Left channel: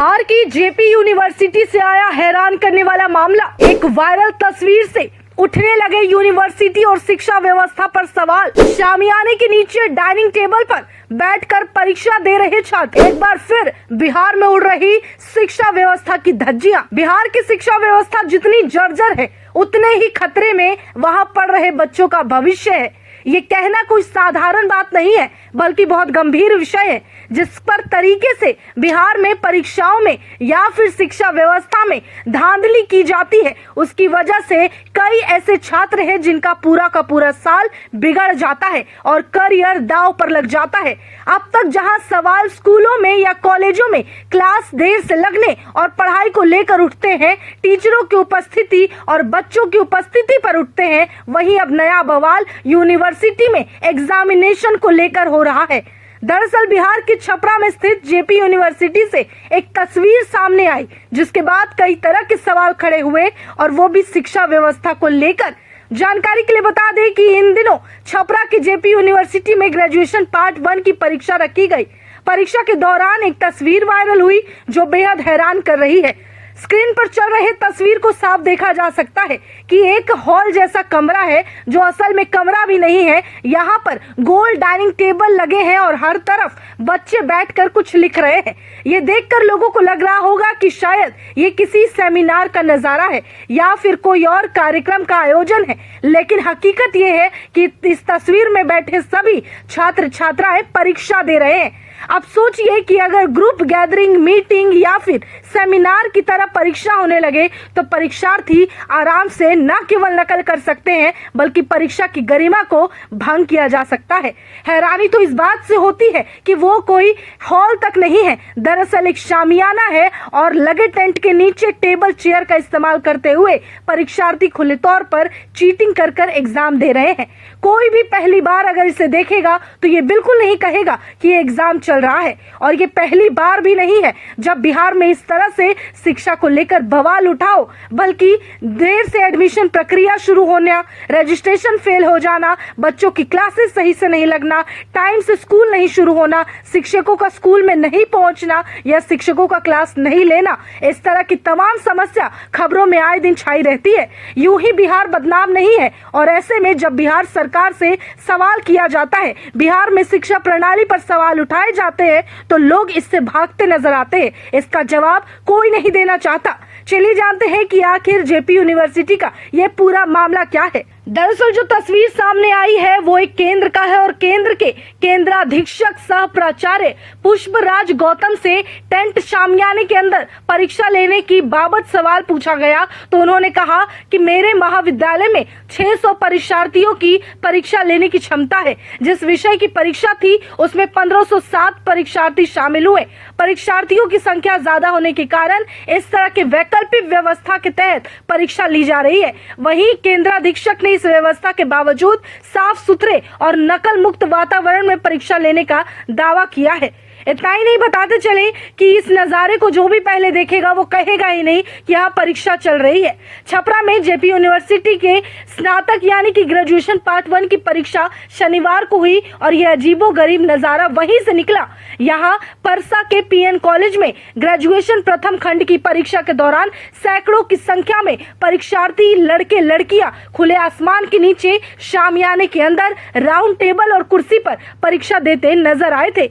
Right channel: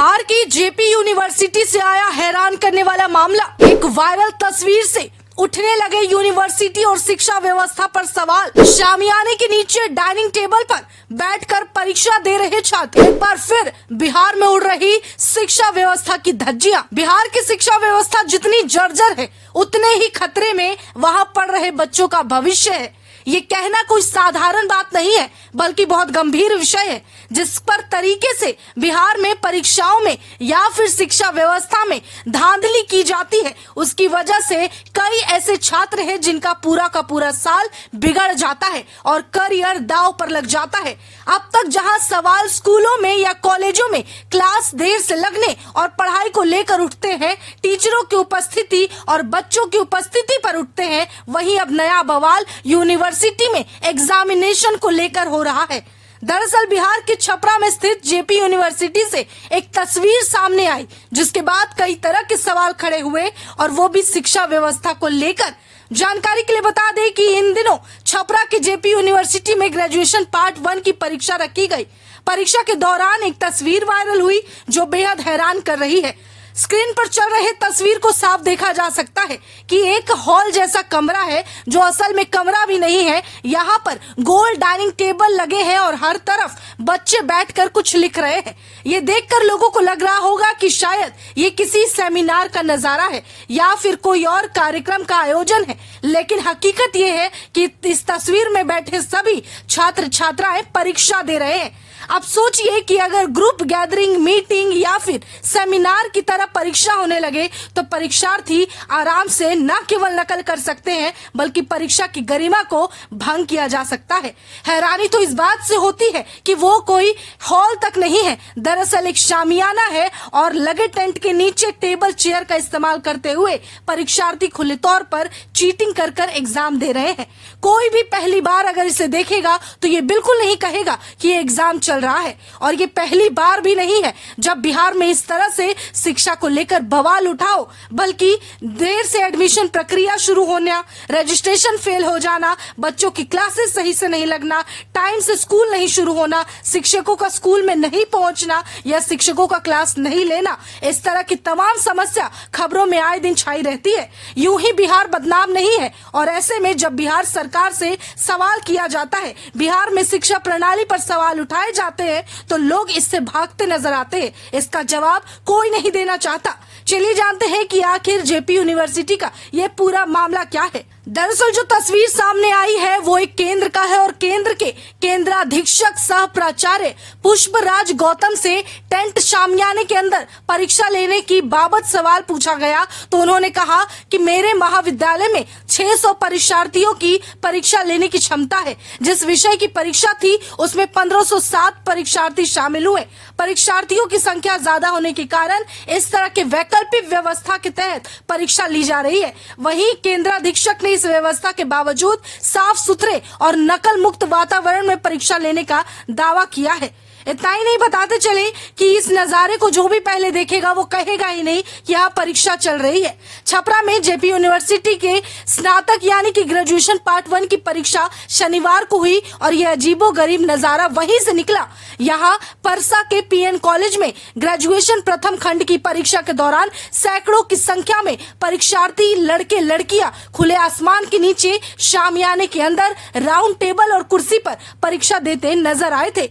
बिहार की JP university से आया हैरान करने वाला मामला। एक वायरल तस्वीर से उठने लगे यूनिवर्सिटी और शिक्षा व्यवस्था पर सवाल। शामियाने के नीचे डाइनिंग टेबल पर बैठकर परीक्षा दे रहे छात्र। एक बार फिर बिहार में उड़ रही शिक्षा व्यवस्था की धज्जियां। बिहार की शिक्षा व्यवस्था जितनी जर्जर है, उतने ही खतरे में वहां पढ़ रहे बच्चों का भविष्य है। ये कहना कोई साधारण बात नहीं है, बल्कि बहुत गंभीर विषय है, जिस पर तरीके से बिहार में परीक्षाओं में या फिर शिक्षा व्यवस्था में धांधली की जाती है। उसकी वजह से कई ऐसे छात्र हैं जिनका पूरा का पूरा साल बिगड़ जाता है और करियर दांव पर लग जाता है। अब तक जहां सवाल स्कूलों में या कॉलेजों में क्लास देर से लगने और पढ़ाई को लेकर उठते हैं, टीचरों की उपस्थिति और बच्चों की उपस्थिति पर उठते हैं, वहीं अब नया बवाल यूनिवर्सिटी में एग्जामिनेशन को लेकर हो रहा है। दरअसल बिहार के छपरा में स्थित जेपी यूनिवर्सिटी से एक तस्वीर सामने आई, जिसके बाद कई तरह के सवाल खड़े हुए, और वो भी शिक्षा व्यवस्था को लेकर। जानकारी के लिए बता दें कि इन दिनों छपरा के जेपी यूनिवर्सिटी में ग्रेजुएशन पार्ट 1 की परीक्षा रखी गई। परीक्षा के दौरान एक तस्वीर वायरल हुई जो बेहद हैरान कर रही है। स्क्रीन पर चल रहे तस्वीर को साफ देखा जा सकता है कि एक हॉल जैसा कमरा है, जो असल में कमरा भी नहीं है। यहाँ पर गोल डाइनिंग टेबल लगे हैं और हर तरफ बच्चे बैठकर कुछ लिख रहे हैं। ये देखकर लोगों को लग रहा होगा कि शायद ये किसी सेमिनार का नजारा है या फिर कोई और कार्यक्रम का आयोजन है, लेकिन हकीकत ये है कि इस तस्वीर में बैठे सभी छात्र छात्राएं परीक्षा दे रहे हैं। अब सोचिए कि अगर ग्रुप गैदरिंग, मीटिंग या फिर सेमिनार की तरह परीक्षा होने लगे तो परीक्षार्थी आराम से न केवल नकल कर सकते हैं, बल्कि परीक्षा की गरिमा को भंग किया जा सकता है। हैरानी तो इस बात से होती है कि वो कोई हॉल तक नहीं है, दरअसल एक शामियाना है, और लगे टेंट के नीचे टेबल चेयर का इस्तेमाल करते हुए परीक्षार्थी खुले तौर पर चीटिंग कर कर एग्जाम दे रहे हैं। कोई भी पहली बार अगर इसे देखेगा तो ये बिल्कुल नहीं कहेगा कि ये एग्जाम चल रहा है, और ये पहली बार भी नहीं है जब बिहार में इस तरह से शिक्षा को लेकर बवाल उठाओ, बल्कि देर से एडमिशन प्रक्रिया शुरू होना, रजिस्ट्रेशन फेल हो जाना, बच्चों की क्लासेस सही से नहीं लगना, टाइम से स्कूल नहीं शुरू होना, शिक्षकों का स्कूल में नहीं पहुंचना या शिक्षकों का क्लास नहीं लेना, इस तरह की तमाम समस्या खबरों में आए दिन छाई रहती है। यूं ही बिहार बदनाम नहीं है, और ऐसे में जब बिहार सरकार से सवाल किया जाता है, बिहार में शिक्षा प्रणाली पर सवाल उठाए जाते हैं, तो लोग इससे भागते नजर आते हैं। इसका जवाब कोई नहीं देना चाहता। चलिए जानते हैं कि आखिर जेपी यूनिवर्सिटी का ये पूरा मामला क्या है। दरअसल जो तस्वीर सामने आई है वो एक केंद्र का है, और केंद्र के केंद्राधीक्षक सह प्राचार्य पुष्पराज गौतम से टेंट शामियाने के अंदर परीक्षा लेने की बाबत सवाल पूछा गया, तो उन्होंने कहा कि मेरे महाविद्यालय में 600 परीक्षार्थियों की परीक्षा लेने की क्षमता है। जिस विषय की परीक्षा थी उसमें 1507 परीक्षार्थी शामिल हुए। परीक्षार्थियों की संख्या ज्यादा होने के कारण इस तरह के वैकल्पिक व्यवस्था के तहत परीक्षा ली जा रही है। वहीं केंद्राधीक्षक ने इस व्यवस्था के बावजूद साफ सुथरे और नकल मुक्त वातावरण में परीक्षा लेने का दावा किया है। इतना ही नहीं, बताते चले कि इस नजारे को जो भी पहले देखेगा वो कहेगा ही नहीं कि यहाँ परीक्षा चल रही है। छपरा में जेपी यूनिवर्सिटी के स्नातक यानी कि ग्रेजुएशन पार्ट 1 की परीक्षा शनिवार को हुई, और यह अजीबोगरीब नजारा वहीं से निकला। यहाँ परसा के पीएन कॉलेज में ग्रेजुएशन प्रथम खंड की परीक्षा के दौरान सैकड़ों की संख्या में परीक्षार्थी लड़के लड़कियां खुले आसमान के नीचे शामियाने के अंदर राउंड टेबल और कुर्सी पर परीक्षा देते नजर आए थे।